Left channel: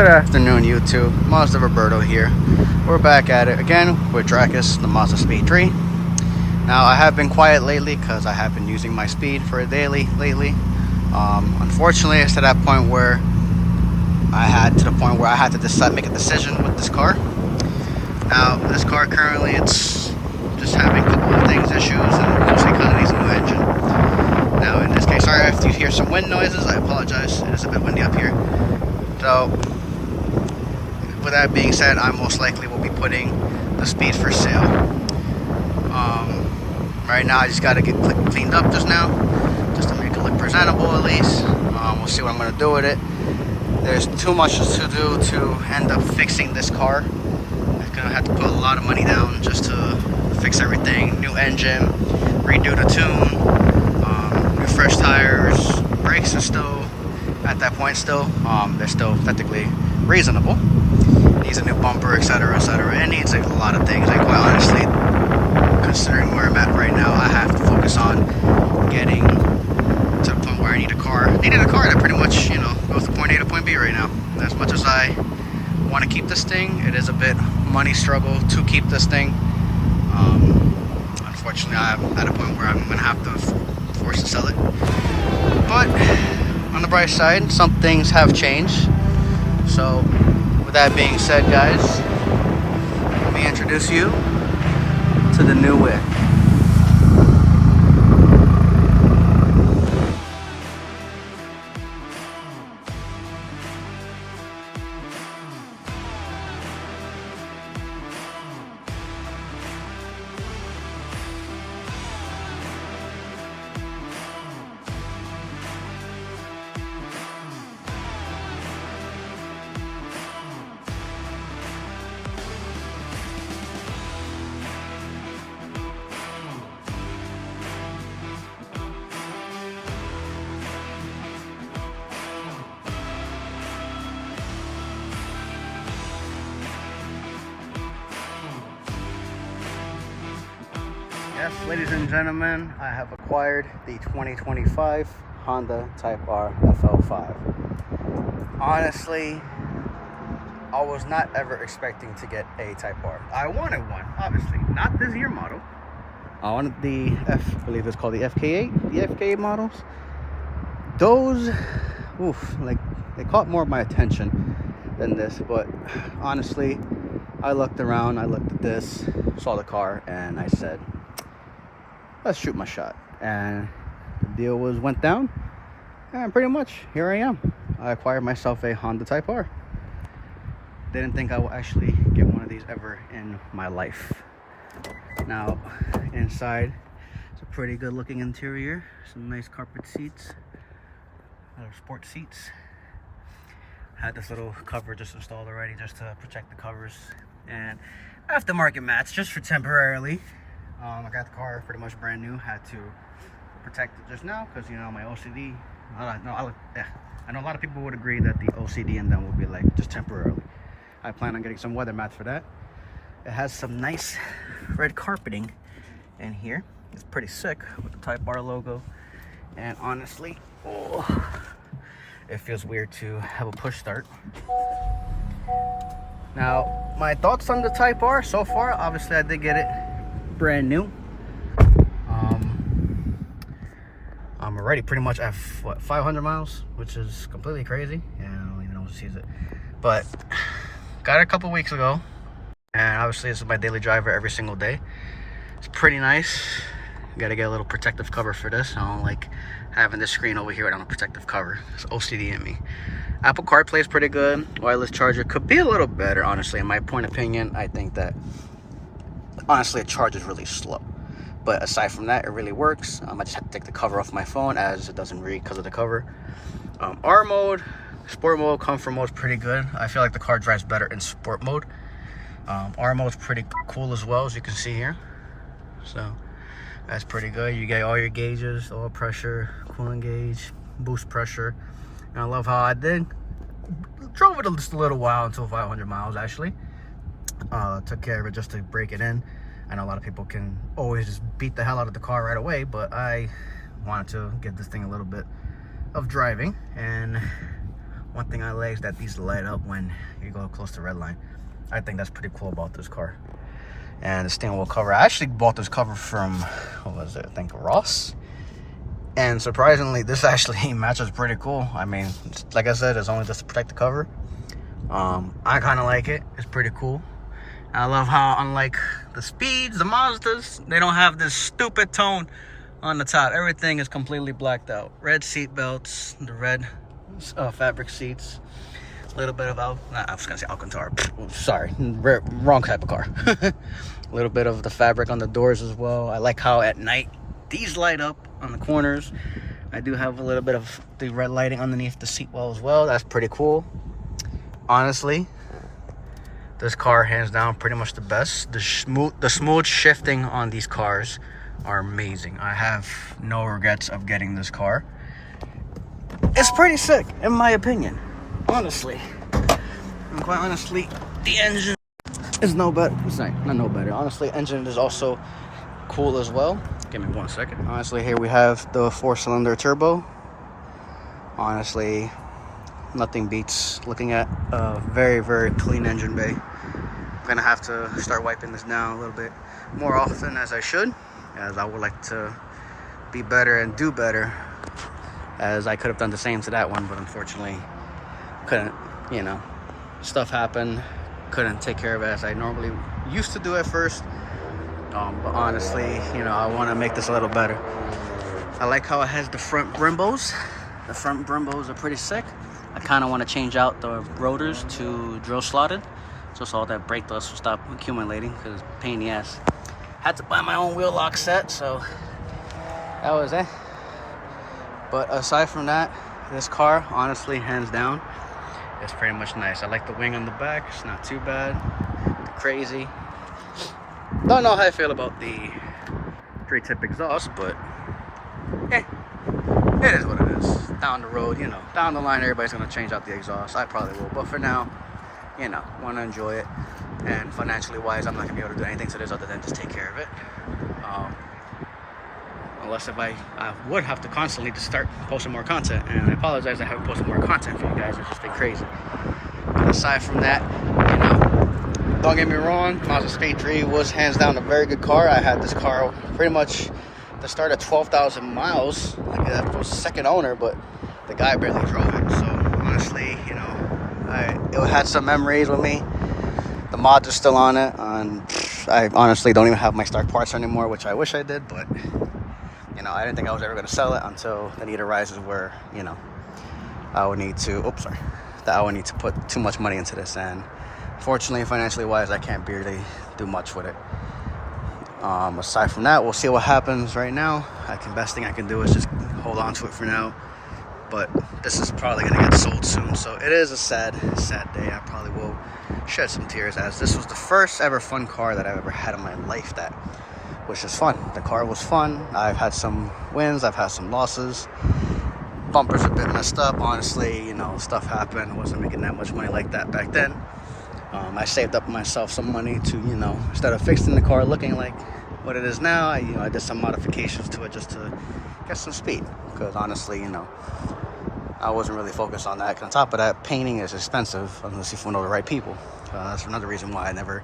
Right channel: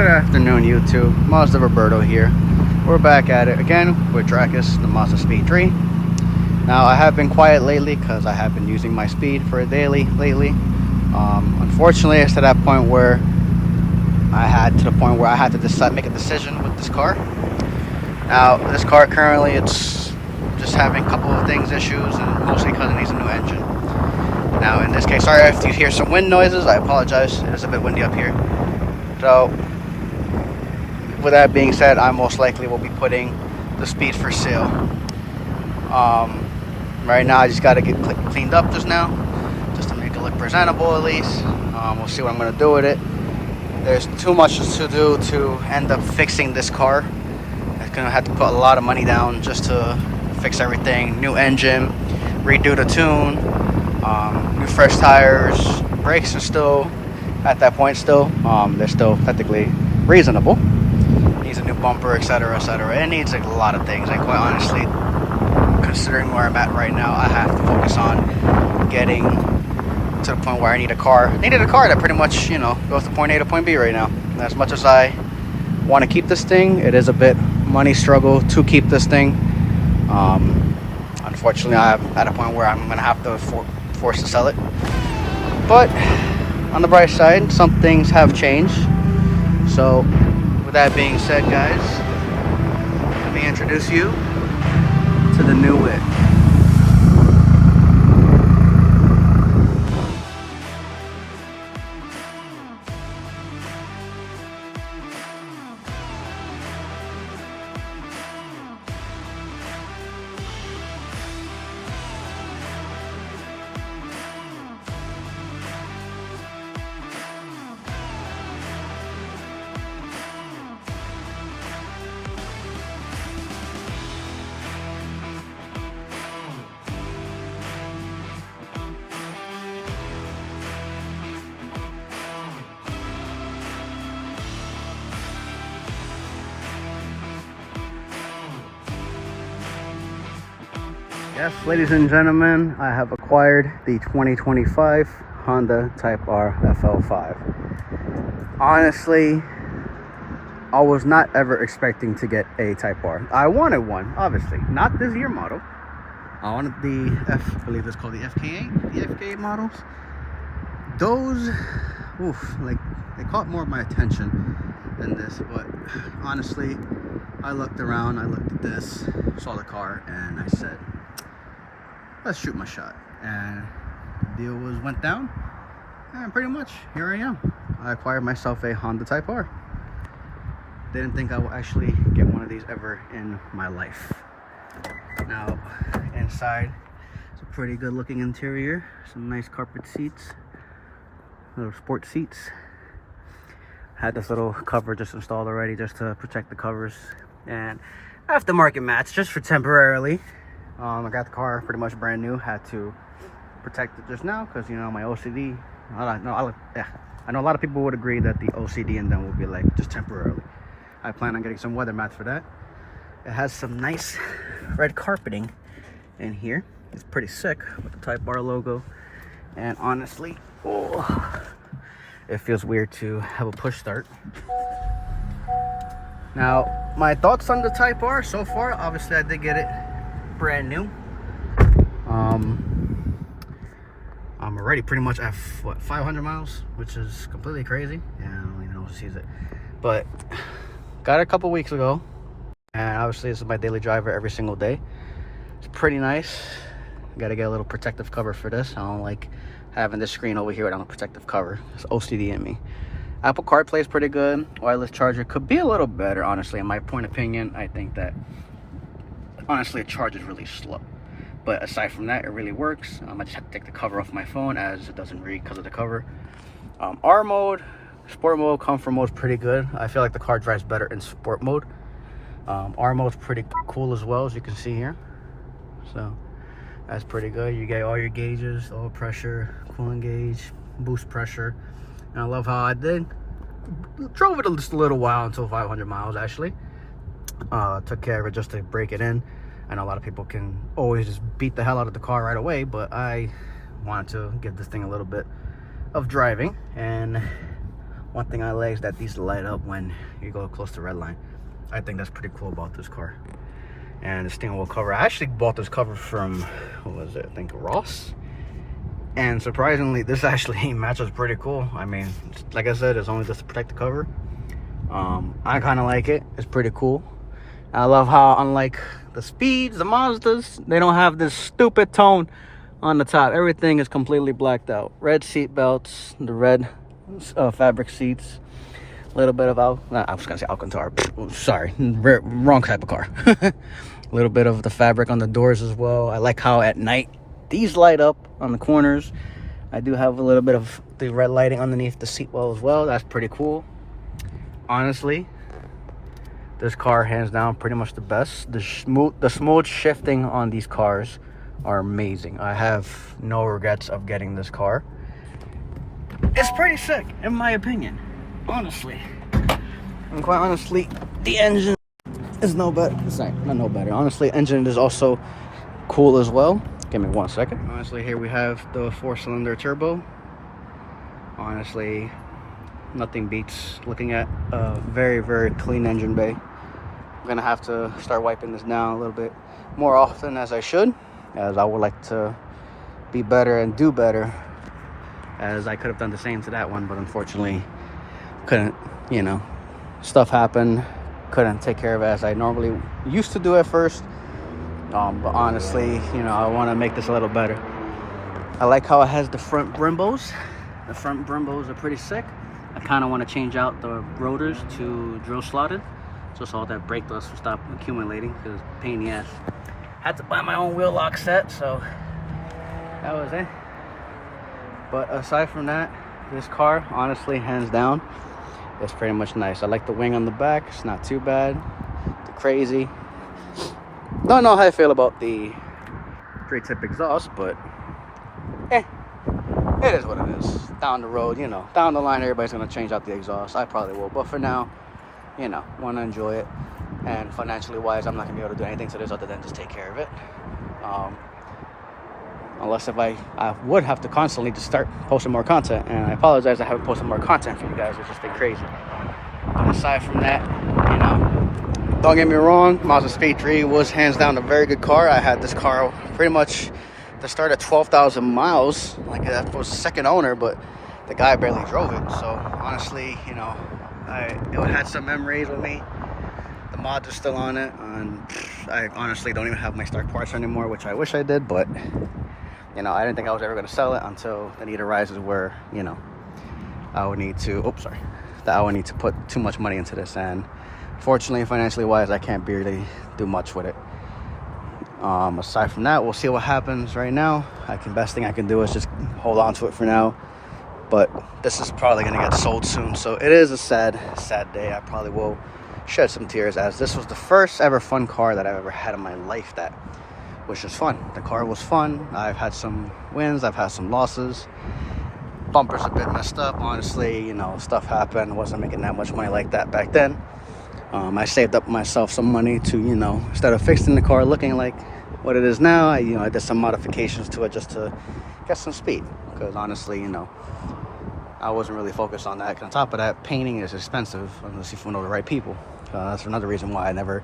Good afternoon, YouTube. Mazda Roberto here. We're back at it again with Dracus, the Mazda Speed 3. Now, I have been quiet lately because I have been using my speed for a daily lately. Unfortunately, it's to that point where I had to decide, make a decision with this car. Now, this car currently, it's just having a couple of issues, and mostly because it needs a new engine. Now, in this case, sorry if you hear some wind noises. I apologize. It is a bit windy up here. So, with that being said, I most likely will be putting the Speed for sale. Right now, I just got to get cleaned up just now, just to make it look presentable at least. We'll see what I'm going to do with it. There's too much to do to end up fixing this car. I'm going to have to put a lot of money down just to fix everything. New engine, redo the tune, new fresh tires. Brakes are still, at that point still, they're still technically reasonable. Needs a new bumper, etc., etc. It needs a lot of things. Like, quite honestly, considering where I'm at right now, I have to focus on getting to the point where I need a car. I needed a car that pretty much, goes to point A to point B right now. And as much as I want to keep this thing, it is a bit money struggle to keep this thing. Unfortunately, I'm at a point where I'm going to have to force to sell it. But on the bright side, some things have changed. So, with that being said, guys, let me introduce you to the new Wick. Yes, ladies and gentlemen, I have acquired the 2025 Honda Type R FL5. Honestly, I was not ever expecting to get a Type R. I wanted one, obviously. Not this year model. I wanted the I believe it's called the FK8. The FK8 models. Those, they caught more of my attention than this. But honestly, I looked around, I looked at this, saw the car, and I said, let's shoot my shot. And the deal went down, and pretty much here I am. I acquired myself a Honda Type R. Didn't think I would actually get one of these ever in my life. Now, inside, it's a pretty good looking interior. Some nice carpet seats, little sport seats. Had this little cover just installed already, just to protect the covers, and aftermarket mats just for temporarily. I got the car pretty much brand new. Had to protect it just now because, my OCD. I know a lot of people would agree that the OCD in them will be like just temporarily. I plan on getting some weather mats for that. It has some nice red carpeting in here. It's pretty sick with the Type R logo. And honestly, it feels weird to have a push start. Now, my thoughts on the Type R so far, obviously I did get it brand new. I'm already pretty much at 500 miles, which is completely crazy. Yeah, I don't even know who sees it, but got it a couple weeks ago, and obviously this is my daily driver every single day. It's pretty nice. Gotta get a little protective cover for this. I don't like having this screen over here without a protective cover. It's OCD in me. Apple CarPlay is pretty good. Wireless charger could be a little better, honestly. In my point of opinion, I think that honestly, it charges really slow. But aside from that, it really works. I just have to take the cover off my phone as it doesn't read because of the cover. R mode, sport mode, comfort mode is pretty good. I feel like the car drives better in sport mode. R mode is pretty cool as well, as you can see here. So that's pretty good. You get all your gauges, oil pressure, coolant gauge, boost pressure. And I love how I drove it just a little while until 500 miles actually. Took care of it just to break it in. I know a lot of people can always just beat the hell out of the car right away, but I wanted to give this thing a little bit of driving, and One thing I like is that these light up when you go close to red line. I think that's pretty cool about this car. And the steering wheel cover, I actually bought this cover from, what was it, I think Ross. And surprisingly, this actually matches pretty cool. I mean, like I said, it's only just to protect the cover. I kind of like it. It's pretty cool. I love how, unlike the Speeds, the Mazdas, they don't have this stupid tone on the top. Everything is completely blacked out. Red seat belts, the red fabric seats, a little bit of I was gonna say Alcantara. Sorry, wrong type of car. A little bit of the fabric on the doors as well. I like how at night these light up on the corners. I do have a little bit of the red lighting underneath the seat well as well. That's pretty cool. Honestly, this car hands down pretty much the best. The smooth shifting on these cars are amazing. I have no regrets of getting this car. It's pretty sick in my opinion, honestly. And quite honestly, the engine is no better. Sorry, not no better. Honestly, engine is also cool as well. Give me 1 second. Honestly, here we have the 4-cylinder turbo. Honestly, nothing beats looking at a very, very clean engine bay. I'm gonna have to start wiping this down a little bit more often as I should, as I would like to be better and do better, as I could have done the same to that one, but unfortunately couldn't, you know, stuff happened, couldn't take care of it as I normally used to do at first. But honestly, you know, I want to make this a little better. I like how it has the front Brimbos. The front Brimbos are pretty sick. I kind of want to change out the rotors to drill slotted, just so all that brake dust will stop accumulating, because it's a pain in the ass. Had to buy my own wheel lock set, so that was it. But aside from that, this car, honestly, hands down, is pretty much nice. I like the wing on the back. It's not too bad. The crazy. Don't know how I feel about the 3-tip exhaust, but it is what it is. Down the road, you know, down the line, everybody's going to change out the exhaust. I probably will. But for now, you know, want to enjoy it. And financially wise, I'm not going to be able to do anything to this other than just take care of it. Unless if I would have to constantly just start posting more content. And I apologize, I haven't posted more content for you guys. It's just been crazy. But aside from that, you know, don't get me wrong, Mazda Speed 3 was hands down a very good car. I had this car pretty much to start at 12,000 miles. Like that was the second owner, but the guy barely drove it. So honestly, you know, it had some memories with me. The mods are still on it, and I honestly don't even have my stock parts anymore, which I wish I did, but you know, I didn't think I was ever going to sell it until the need arises where, you know, I would need to put too much money into this, and fortunately, financially wise, I can't really do much with it. Aside from that, we'll see what happens right now. Best thing I can do is just hold on to it for now. But this is probably going to get sold soon. So it is a sad, sad day. I probably will shed some tears, as this was the first ever fun car that I've ever had in my life that was just fun. The car was fun. I've had some wins. I've had some losses. Bumper's a bit messed up. Honestly, you know, stuff happened. I wasn't making that much money like that back then. I saved up myself some money to, you know, instead of fixing the car looking like what it is now, I did some modifications to it just to get some speed. Because honestly, you know, I wasn't really focused on that. On top of that, painting is expensive unless you know the right people. That's another reason why I never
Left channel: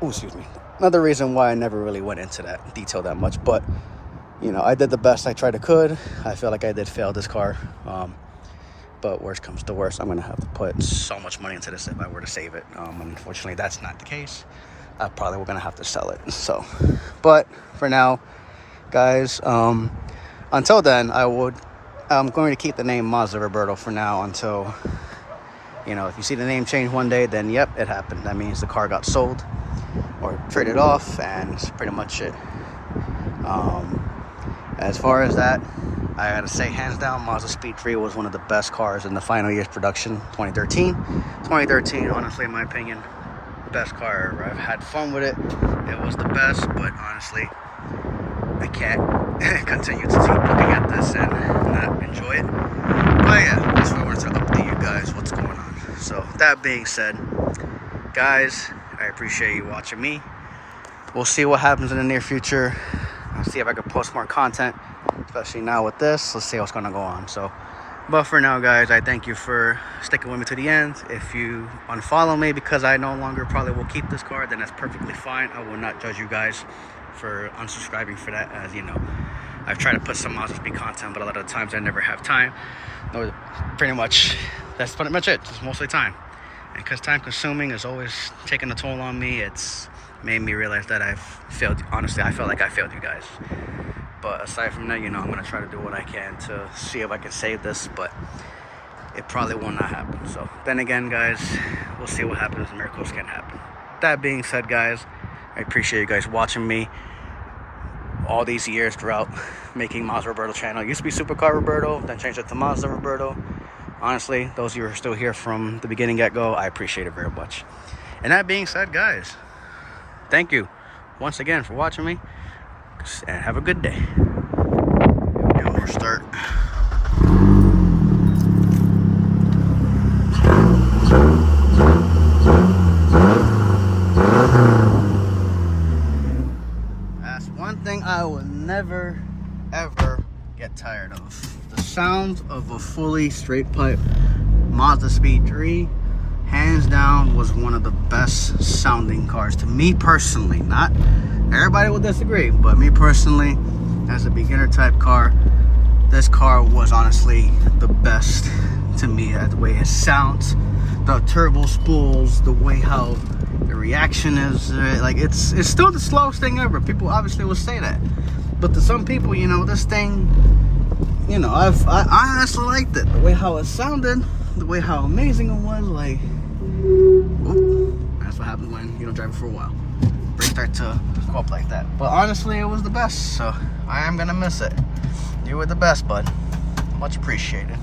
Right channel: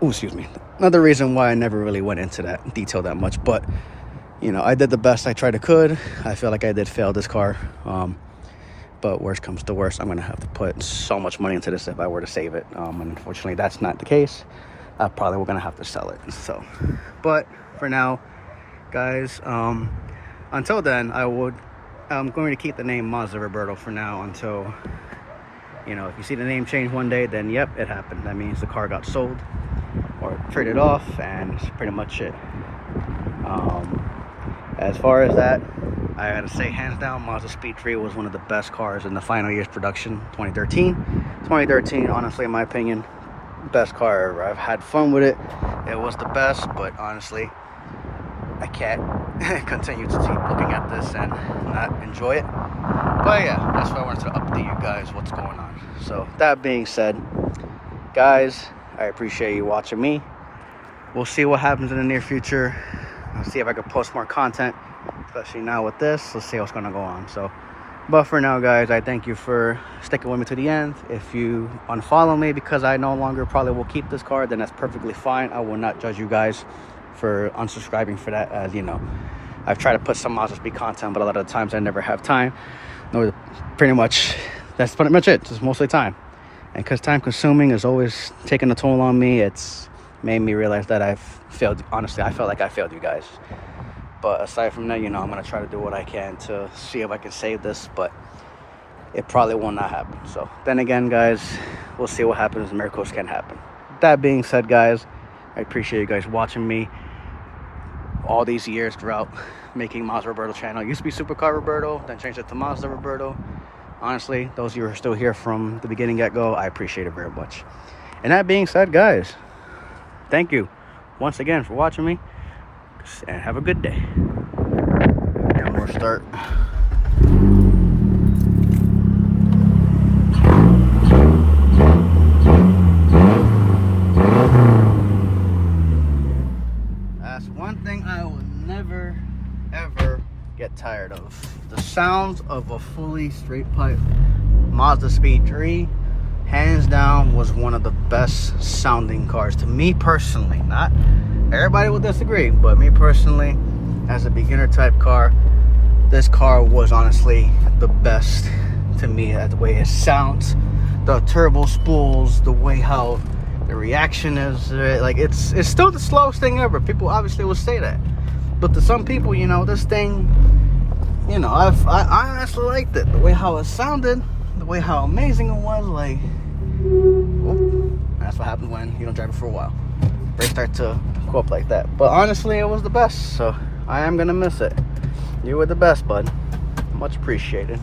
really went into that detail that much. But, you know, I did the best I tried to could. I feel like I did fail this car. But worst comes to worst, I'm gonna have to put so much money into this if I were to save it. And unfortunately, that's not the case. I probably we're gonna have to sell it. So, but for now, guys, until then, I'm going to keep the name Mazda Roberto for now until, you know, if you see the name change one day, then yep, it happened. That means the car got sold or traded off, and that's pretty much it. As far as that, I gotta say, hands down, Mazda Speed 3 was one of the best cars in the final year's production, 2013. 2013, honestly, in my opinion, best car ever. I've had fun with it. It was the best, but honestly, I can't continue to keep looking at this and not enjoy it. But yeah, that's why I wanted to update you guys what's going on. So that being said, guys, I appreciate you watching me. We'll see what happens in the near future. I'll see if I can post more content, especially now with this. Let's see what's going to go on. So But for now, guys, I thank you for sticking with me to the end. If you unfollow me because I no longer probably will keep this car, then that's perfectly fine. I will not judge you guys for unsubscribing for that. As you know, I've tried to put some Mazda Speed content, but a lot of the times I never have time. Pretty much, that's pretty much it. It's mostly time. And because time consuming is always taking a toll on me, it's made me realize that I've failed. Honestly, I felt like I failed you guys. But aside from that, you know, I'm going to try to do what I can to see if I can save this, but it probably will not happen. So then again, guys, we'll see what happens. Miracles can happen. That being said, guys, I appreciate you guys watching me all these years throughout making Mazda Roberto channel. It used to be Supercar Roberto, then changed it to Mazda Roberto. Honestly, those of you who are still here from the beginning get-go, I appreciate it very much. And that being said, guys, thank you once again for watching me. And have a good day. And we'll start. That's one thing I will never, ever get tired of. The sounds of a fully straight pipe Mazda Speed 3. Hands down was one of the best sounding cars to me personally. Not everybody will disagree, but me personally, as a beginner type car, this car was honestly the best to me. The way it sounds, the turbo spools, the way how the reaction is, like it's still the slowest thing ever. People obviously will say that, but to some people, you know, this thing, you know, I honestly liked it. The way how it sounded, the way how amazing it was, like, whoop, that's what happens when you don't drive it for a while. They start to go up like that. But honestly, it was the best, so I am gonna miss it. You were the best, bud. Much appreciated.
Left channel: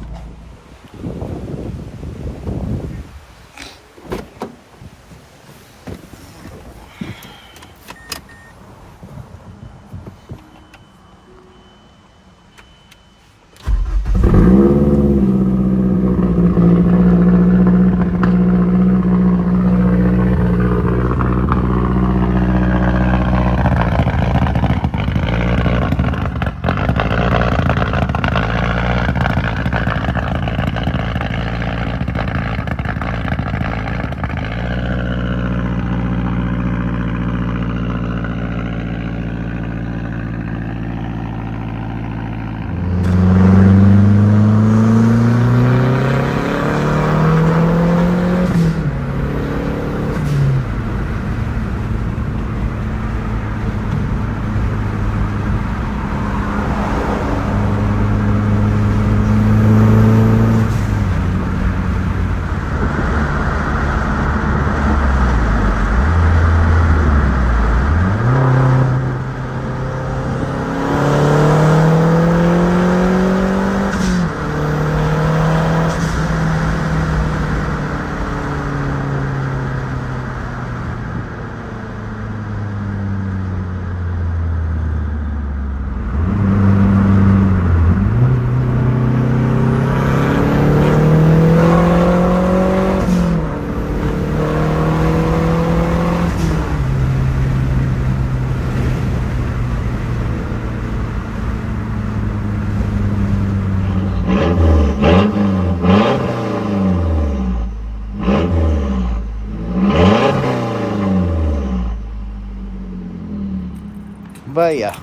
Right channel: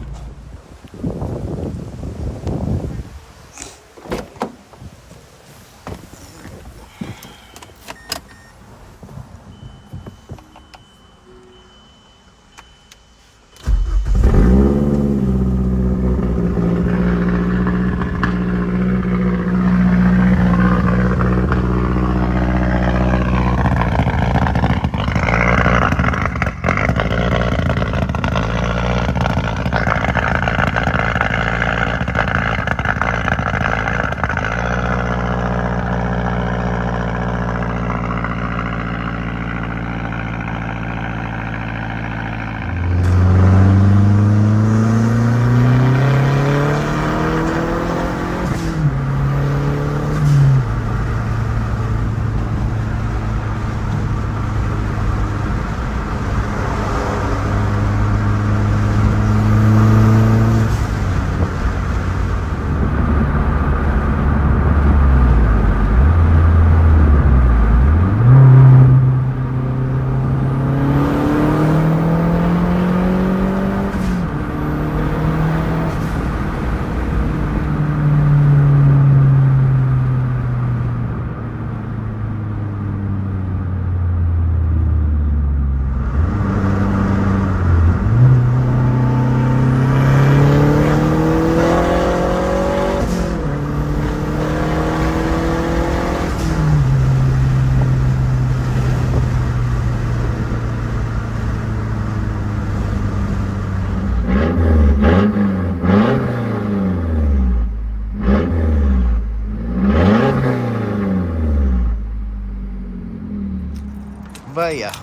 But yeah,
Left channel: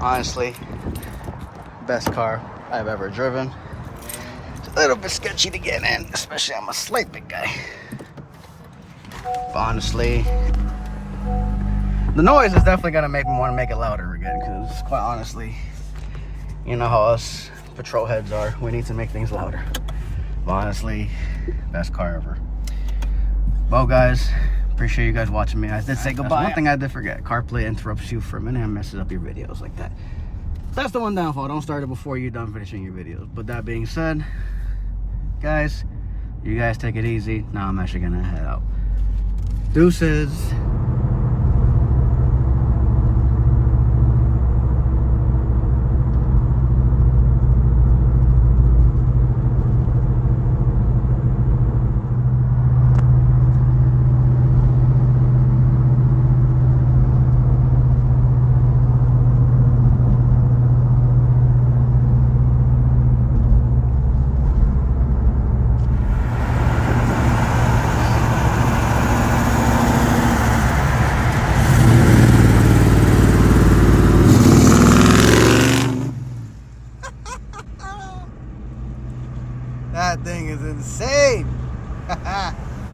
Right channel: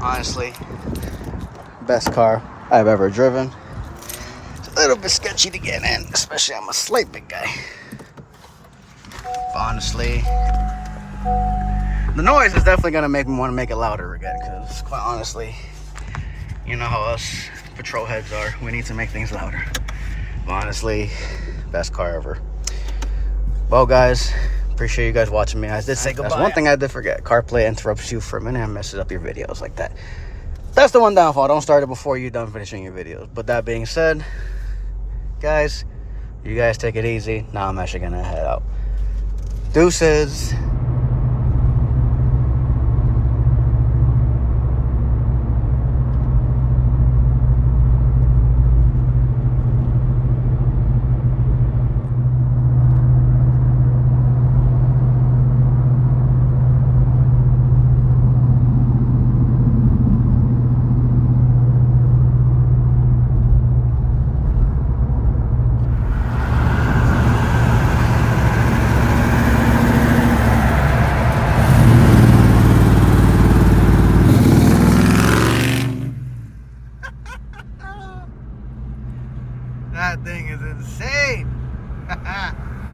honestly, best car I've ever driven. It's a little bit sketchy to get in, especially I'm a slight big guy. But honestly, the noise is definitely gonna make me want to make it louder again, because quite honestly, you know how us patrol heads are, we need to make things louder. But honestly, best car ever. Well, guys, appreciate you guys watching me. I did say goodbye. That's one thing I did forget. CarPlay interrupts you for a minute and messes up your videos like that. That's the one downfall. Don't start it before you're done finishing your videos. But that being said, guys, you guys take it easy. Now I'm actually gonna head out. Deuces.